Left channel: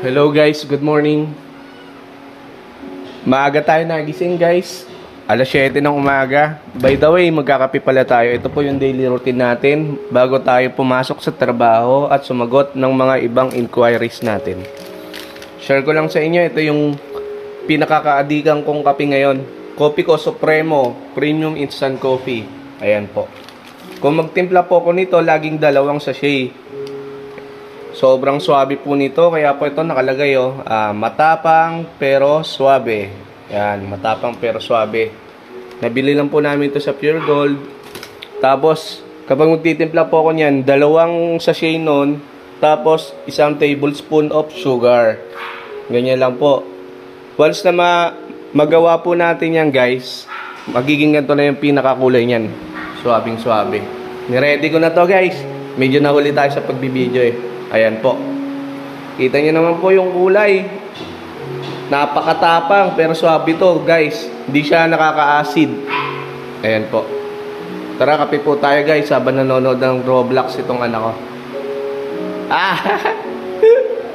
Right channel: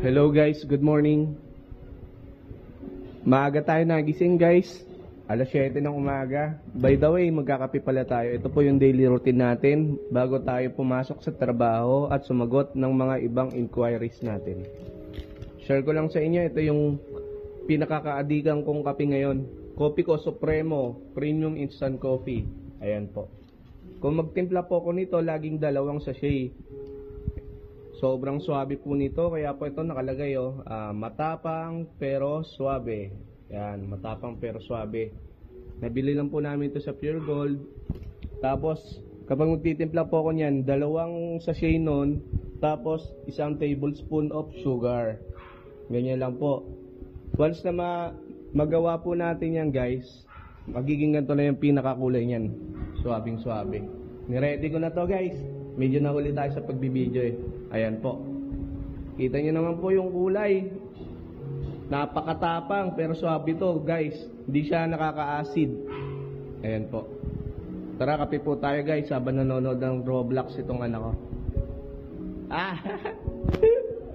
Hello guys, good morning. Maaga tayo nagising guys. Alas 7 ng umaga. By the way, magkakape pala tayo. Ito po yung daily routine natin bago tayo pumasok sa trabaho at sumagot ng mga ibang inquiries natin. Share ko lang sa inyo, ito yung pinakakaadikan kong kape ngayon. Kopi ko Supremo Premium Instant Coffee. Ayan po. Kung magtimpla po ko nito, laging dalawang sachet. Sobrang swabe po nito, kaya po ito nakalagay matapang pero swabe. Yan, matapang pero swabe. Nabili lang po namin ito sa Pure Gold. Tapos, kapag magtitimpla po ako niyan, dalawang sachet nun, tapos isang tablespoon of sugar. Ganyan lang po. Once na magawa po natin yan guys, magiging ganito na yung pinakakulay niyan. Swabing swabe. Niready ko na to guys. Medyo nahuli tayo sa pagbibideo eh. Ayan po. Kita nyo naman po yung kulay. Napakatapang pero swabe to guys. Hindi siya nakaka-acid. Ayan po. Tara, kape po tayo guys habang nanonood ng Roblox itong anak ko. Ah!